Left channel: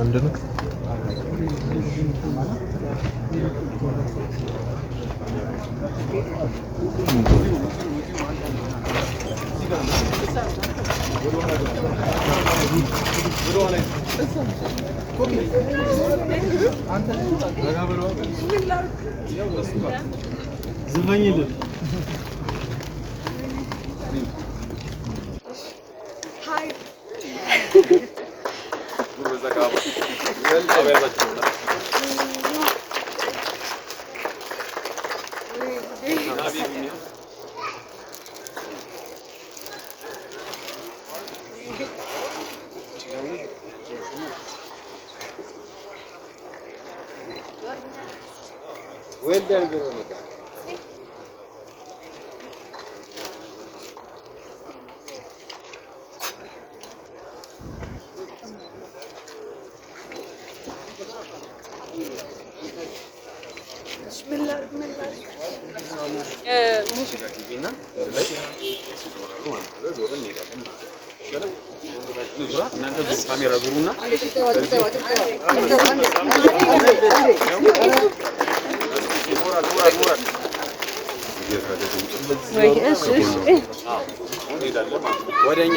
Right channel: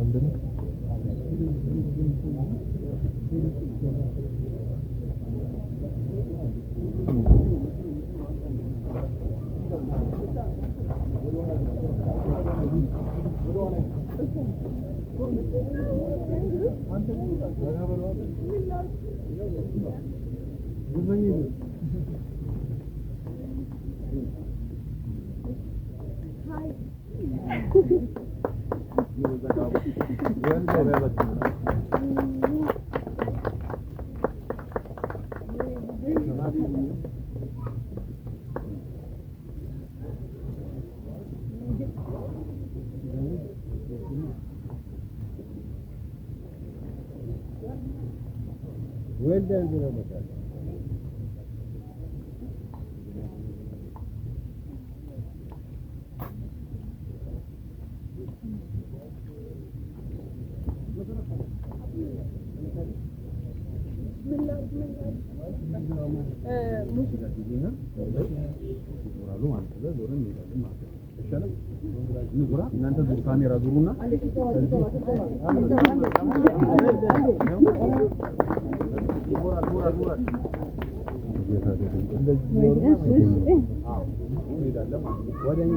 አንድ ነው Well done, Veronica. ካሜራ ዙሩና ወደኛ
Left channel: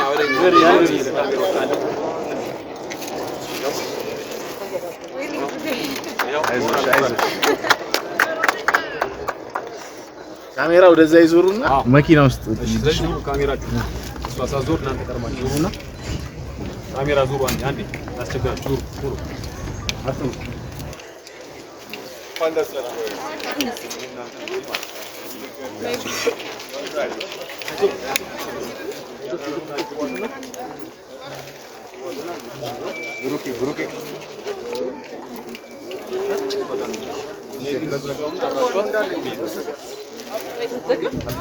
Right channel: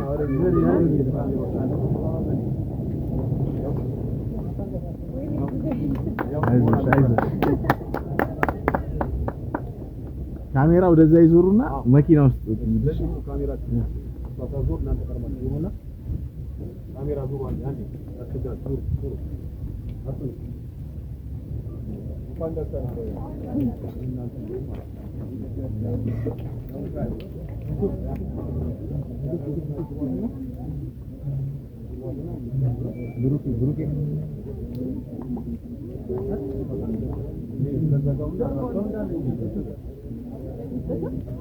ካሜራ ወደዛ ይዞሩና መኪና ውስጥ ካሜራችሁ ሷሳ ዞር እናንተ ቀርማችሁ ዞሩና ካሜራ ዞሩ አንዴ አስቸጋችሁ ዞሩ አጥሩ ፋንዳስላ ብሩኬ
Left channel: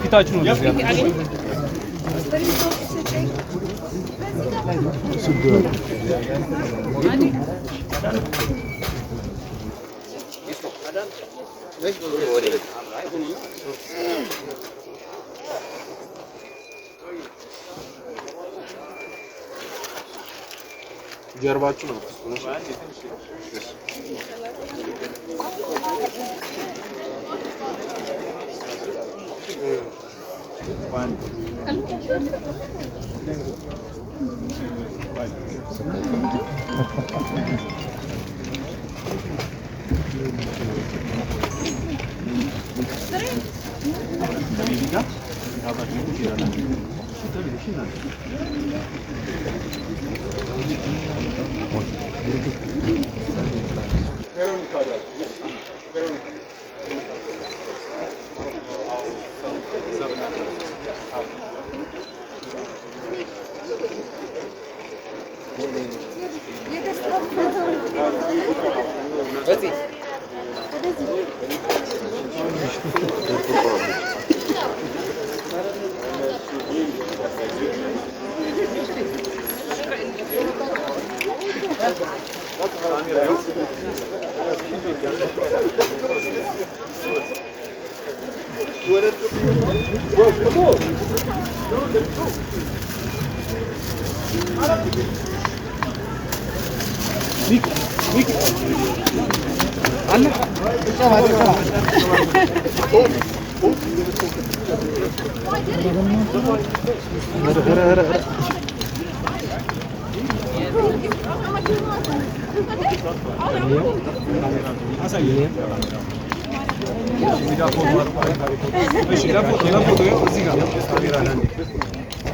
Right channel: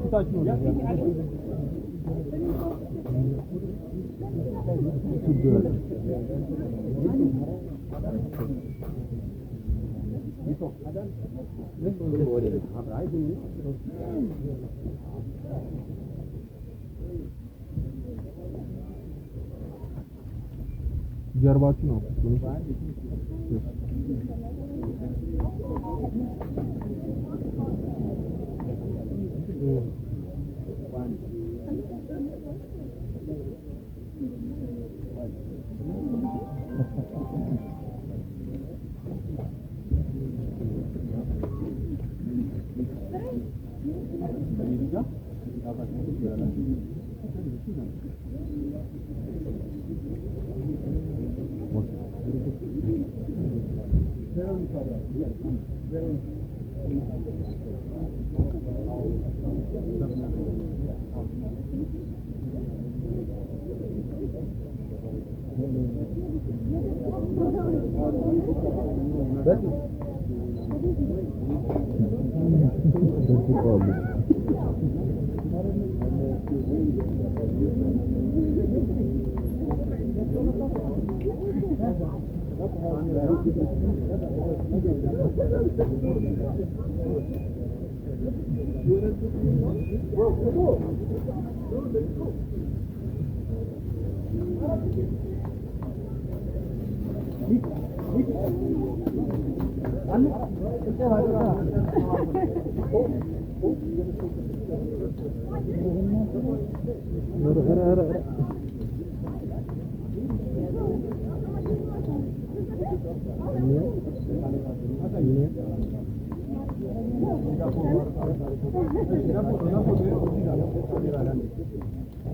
ፊታችሁ ነው ጀርባችሁ ነው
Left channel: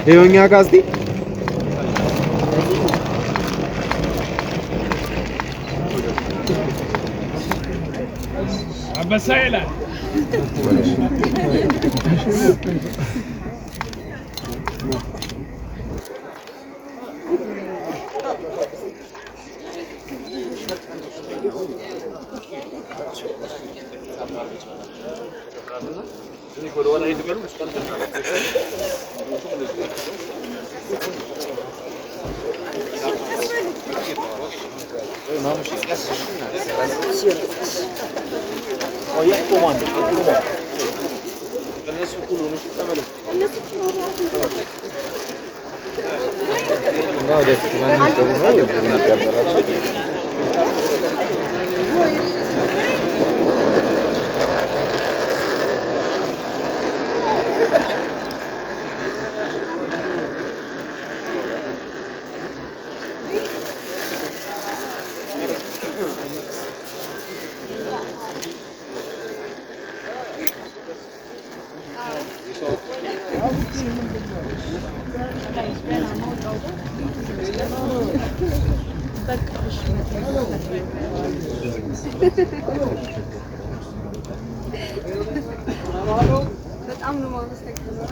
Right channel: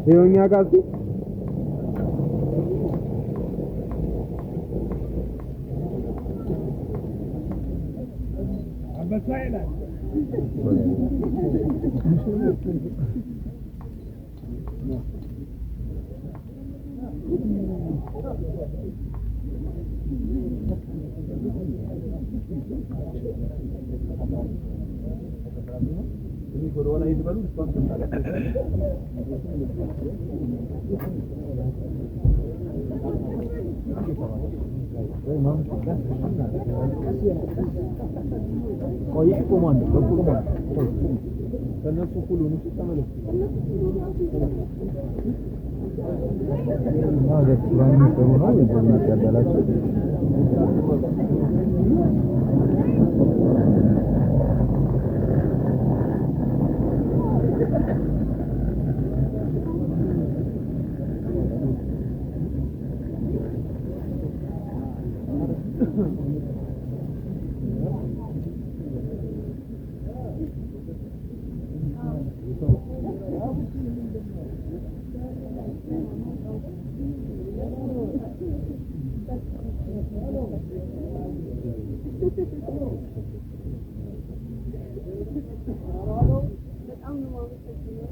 ይኸውኛ ጋስቲ አበሳይላ Oye, comando, comando. ነው ደስ ይላል ነው ያበራቸው በጣም ነው ማስተካከለው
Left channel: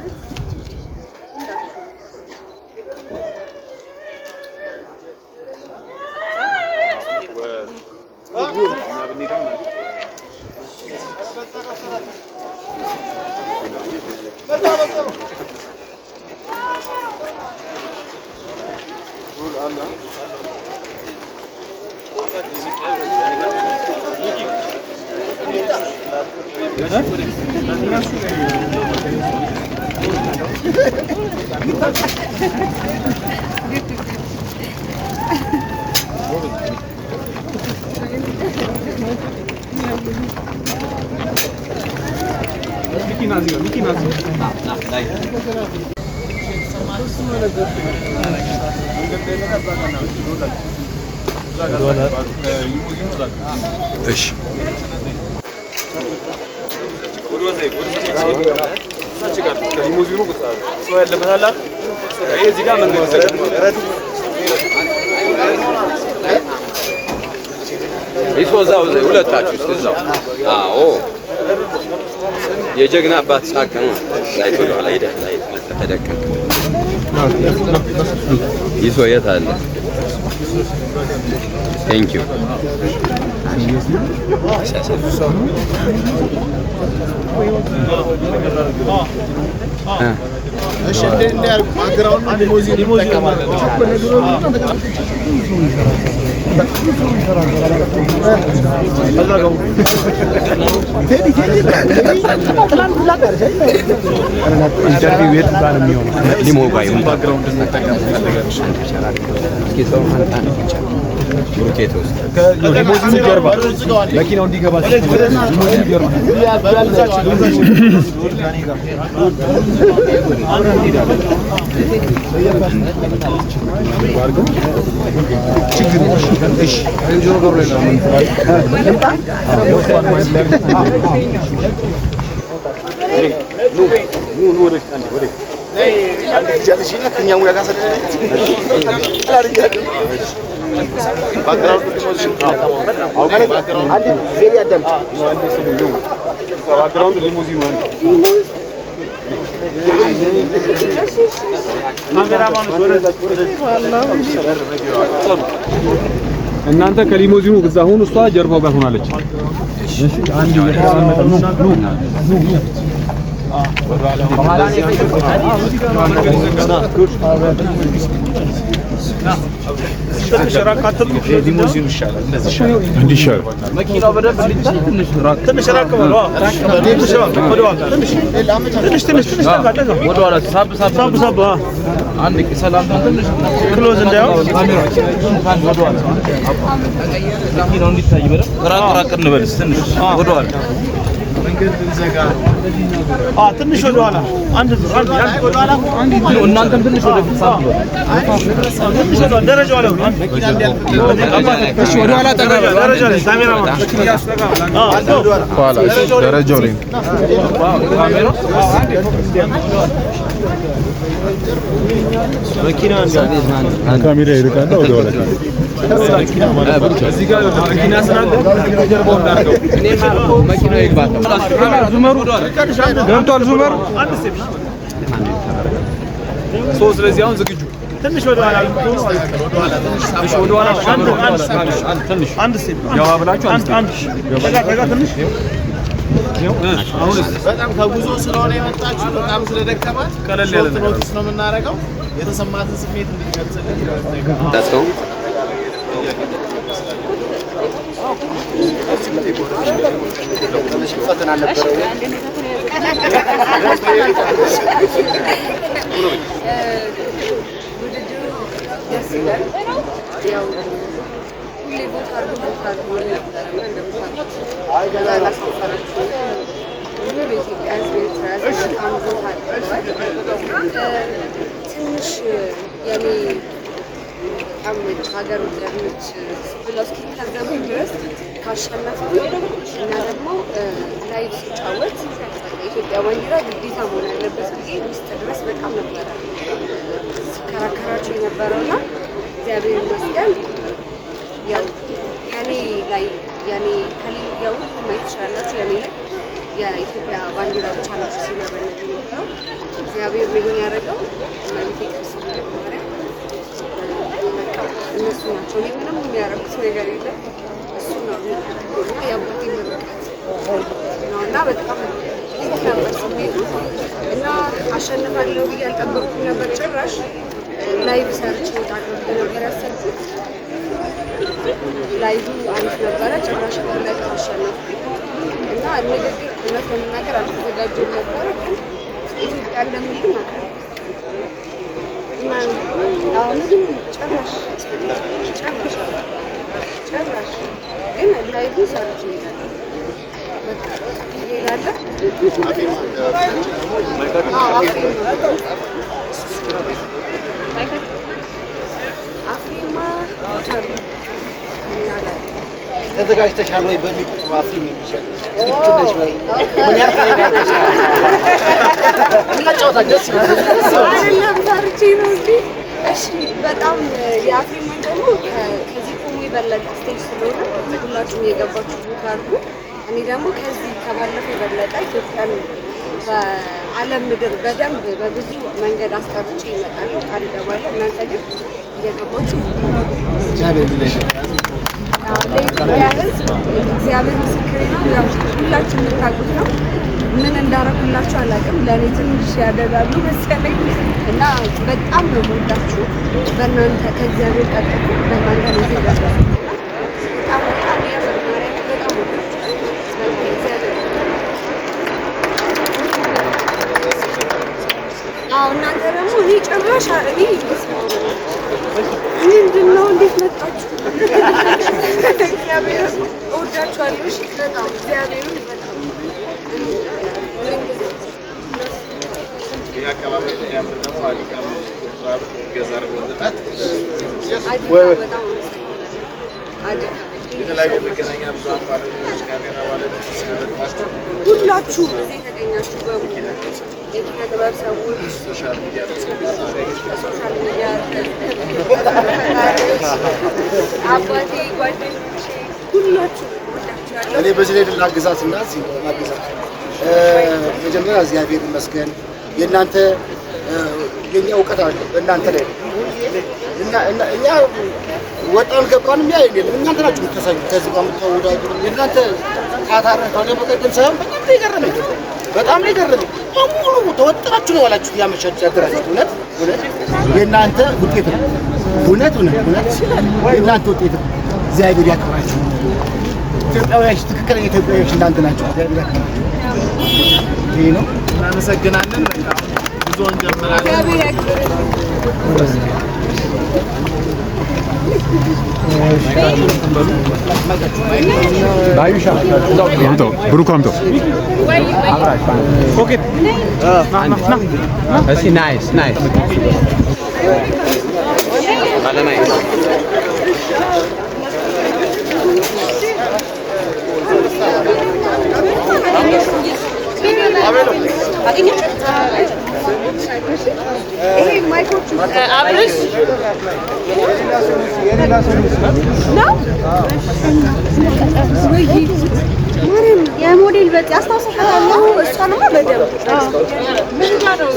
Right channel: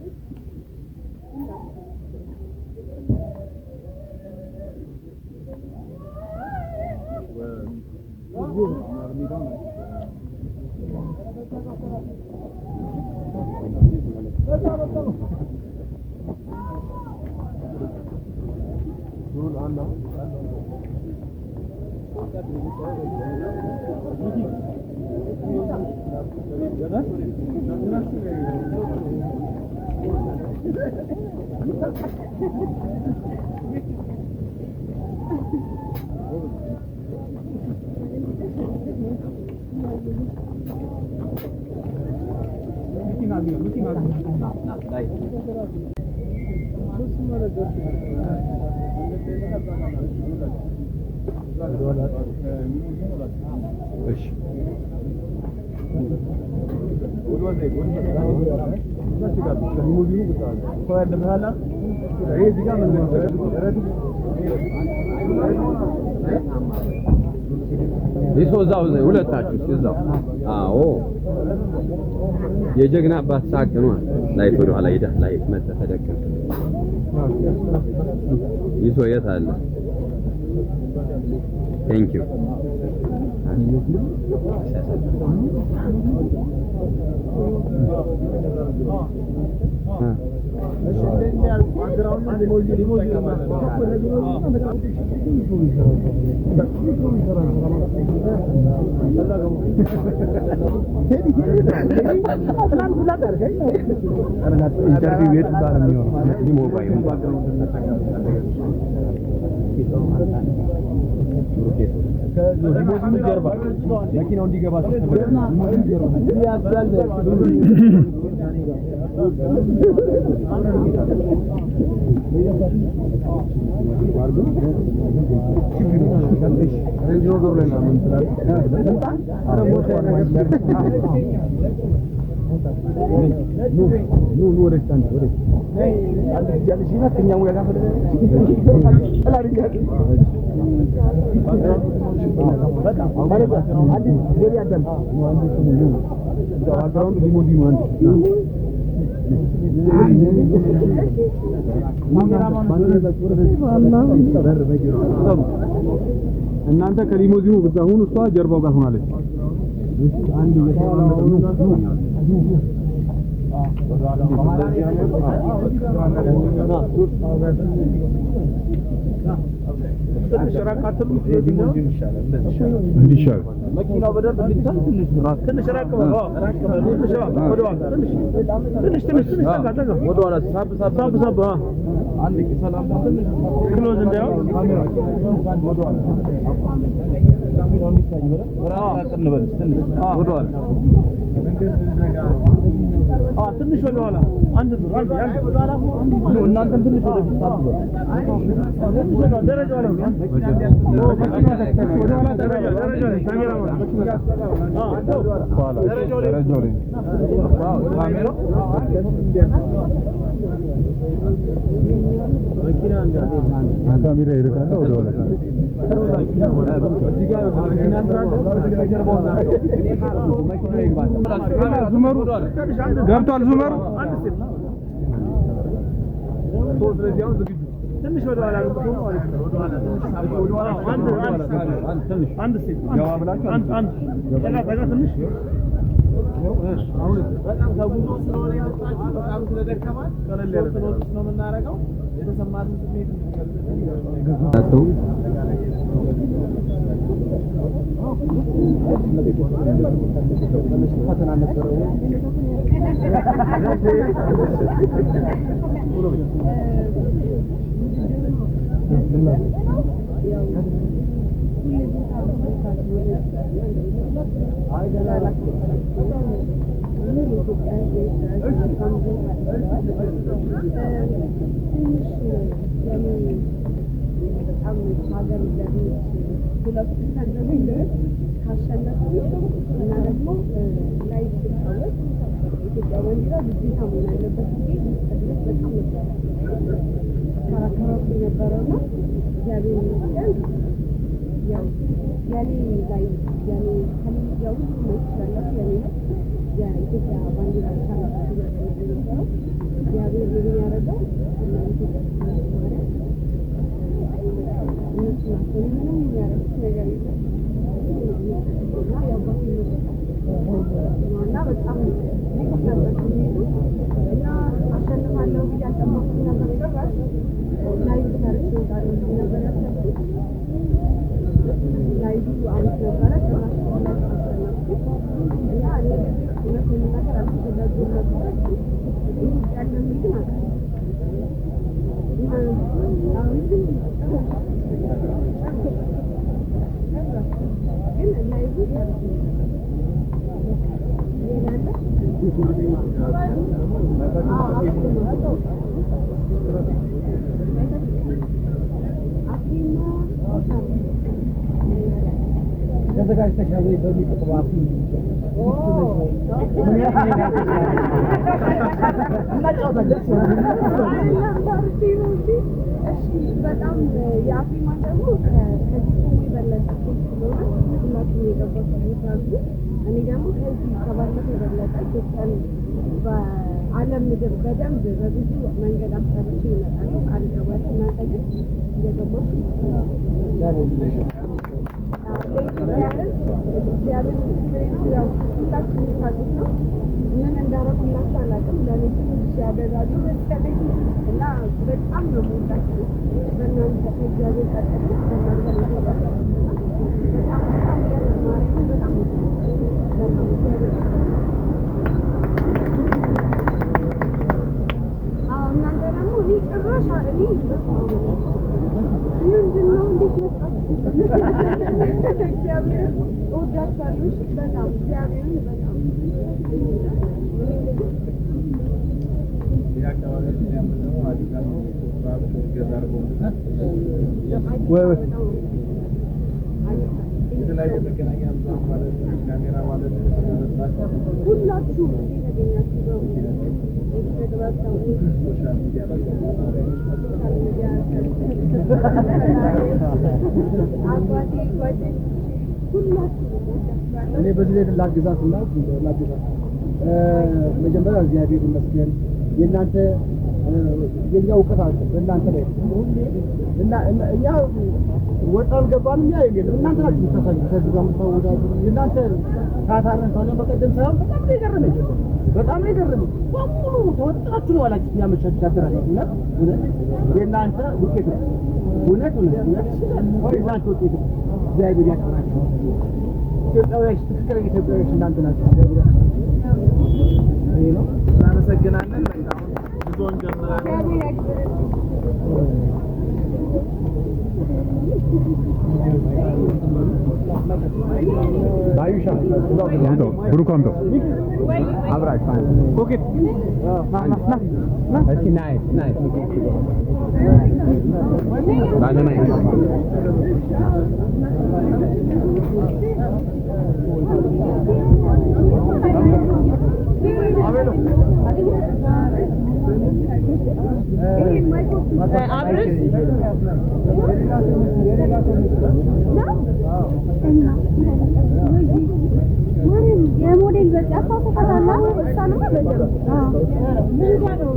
Miki nazi. Nah, dai. ايش ይሶዛው ዘይ ሁለታችሁ እዛው አዎ የጀግና አባት ሳቅ ነው ላይ ወደ ኋላ ሄደ ላይ ተደቀቀ ይሶ የት አለ ቴንክ ዩ እሺ እንደ ባክግራውንድ ሊሞዚን ይጠቀማል ኢንተርቪው ቤት ጋር ነው የሚሆነው ሊሞ ጋር ይሁን ባክግራውንድ ተጠቀም ከሊሞዚኑ ጀርባ መኪናው እንዲገባ ሊሞዚኑ ጀርባ ችግር እሺ እንጆ ገሩ ላይ ነው ኑ ወደ አንድ ጃለሽና ከኛው ጋር ካሰለ ባክግራውንድ ሊሞዚኑ እናንተ ከሊሞዚኑ እዛ ሁኑ እሷ ጀርባው ጋር ሆናለች እሺ አንድ ሊሞዚኑ ይሻላል እንደዚህ ይሻላል እንዲሻል መኪናው በደንብ ሊታይ ትንሽ ራቅ በለው ትንሽ ወደ ኋላ ሳብ አንድ ሰላምታ ትንሽ ክሎዝ እንዳይው መኪናው እንዲታይ በደንብ ራቅ እንበልስ ትንሽ ወደ ኋላ መንገድ እንዘጋ ትንሽ ወደ ኋላ አንድ ወደ ኋላ እናንተም ትንሽ ወደ ፊት ሳብ በለው ደረጃው ላይ መኪና እንዲያልፍ እሺ ወደ ኋላ ደረጃው ላይ ካሜራ ደረጃው ላይ መኪና ካሜራ ይርቃና ወደ ኋላ እዚህ ጋር መኪና ስላለ መኪና ይግባ ዙመሩ ገብቷል ዙመሩ አንድ ስቴፕ ሶስት ለዚህ አሁን ዝግጁ ትንሽ ወደ ኋላ አንድ ስቴፕ ያው አብላችሁ አንድ ጠጋ ትንሽ በጣም ከጉዞ ስለሆነ የመጣችሁ በጣም ስለደከማት ቀለል ያለ ኖቲስ ነው የምናደርገው የተሰማትን ስሜት እንዲገልጽልን ታስከው ፈተና ነበር ደስ ይላል። ያው ሁሌ ቦታ አድርጎ ሙሉ ኢትዮጵያ ሕዝብ ኤርትራ በጣም ቦታ አድርገዋል። ትንሽ የኔ በጣም ሀገር ወዳዶች ብለው እስኪታዘቡ ድረስ ካሸነፍኩኝ እና ደግሞ ላይቭ ሲጫወት የኢትዮጵያ ባንዲራ ግዴታ መሆን ያለበት ጊዜ ውስጥ ድረስ በጣም ነበረ ሲከራከራቸው የነበረውና እግዚአብሔር ይመስገን ያው የኔ ላይ የኔ ከሌላ ያው ማየት ትችላላችሁ የኔ ላይ የኢትዮጵያ ባንዲራ ብቻ ነው ሲነበረው የነበረው። እግዚአብሔር ምን ያደረገው ማለት ይከስ ማርያም እነሱ ናቸው። እኔ ምንም የሚያደርጉት ነገር የለም። እሱ ነው የአባቴ ምርቃት ነው እና በጣም ልክ ነበር ስሜቱ እና አሸንፋለሁ ብዬ አልጠበቅኩም ነበር ጭራሽ። ላይቭ ሰርች እወጣለሁ ነበር ያሰብኩት። ላይቭ አሪፍ ነበረ። ጭራሽ ላይ አሸነፍኩኝ እና ንግግር እውነት ለመናገር አልተዘጋጀሁም ነበረ። ግን ኢትዮጵያ እንደምንድን ነው አሁን ጭራሽ ግን ላይቭ ሰርች አፍሪማ ተዘጋጅተሻል ወይ? በሚቀጥለው አፍሪም የሚሸጥ ምን ያህል በጣም የአፍሪማ ደግሞ ከዚህ ቆሞ የበለጠ ስቴጅ ስለሆነ ሁላችሁም የገባችሁ ቦታ አድርጉ። እኔ ደግሞ ከዚህ ከባለፈው የበለጠ ኢትዮጵያን በዓለም ምድር በደንብ በብዙ መንገድ አስጠርቼ ይመጣሉ ቃል እገባለሁ። እናንተ ግን እየገባችሁ ለኢትዮጵያ ሕዝብ እግዚአብሔር ምስክሬ ነው። ያው ሁላችሁ የምታውቁት ነው። ምን እንዳረኩላችሁ አላውቅም። ለእኔ ትንሽ ያደርጋሉ መሰለኝ እና በጣም ነው የምወዳችሁ። በእናንተ ከእግዚአብሔር ቀጥሎ በእናንተ ነው ይገባል። በጣም በጣም ያመርማሪያ በጣም ወዳችሁ እግዚአብሔር እናንተ ደግሞ እኔ ጭራሽ እኔ ምንድን ነው እንዴት መጣችሁ? እግዚአብሔር እወዳችኋለሁ። እሺ በጣም እግዚአብሔርን በጣም ይህ አካባቢ ያምር ደግሞ አዲቃም ገዛር ወንድታት የተለያዩ መገናኛ ብዙኃን ባለሙያዎች ካሜራ ባለሙያዎች ስለመጥፋት ሁላችሁ እዚህ የተገኛችሁ በሙሉ የኪነ ጥበብ ሰዎች ሶሻል ሚዲያ ሶሻል ሚዲያ አባቴ ጓደኞቼ ሁላችሁ ወዳችኋለሁ። እኔ በዚህ ላይ ላግዛት እና ላግዛት መጀመሪያ እግዚአብሔር ይመስገን የእናንተ የኛ እውቀት አለ በእናንተ ላይ እና እኛ ወጣን ገባንም ያ የለም እናንተ ናችሁ የምትሰኙ ከዚህ ጋር የምትወዳደሩ የእናንተ ታታረን ከሆነ በቀደም ሳይሆን በጣም ነው የገረመኝ በሙሉ ተወጣችሁ ነው ያላችሁት ያመሻችሁ ያደራችሁ እውነት የእናንተ ውጤት ነው እውነት የእናንተ ውጤት ነው። እግዚአብሔር ያክብራችሁ። ኢትዮጵያውያን ትክክለኛ ኢትዮጵያውያን እናንተ ናችሁ። እግዚአብሔር ያክብራችሁ። ይሄ ነው። እናመሰግናለን። በቃ ጉዞን ጀምራለን። እግዚአብሔር ያክብራችሁ። Dayusha, Bruco Amto. Abraç, pocket. Assim, nice. Nada nice. አብረሽ የሞዴል በቃ አስታውሰሻለሁ። እሷንማ በደምብ ምን ጋር ነው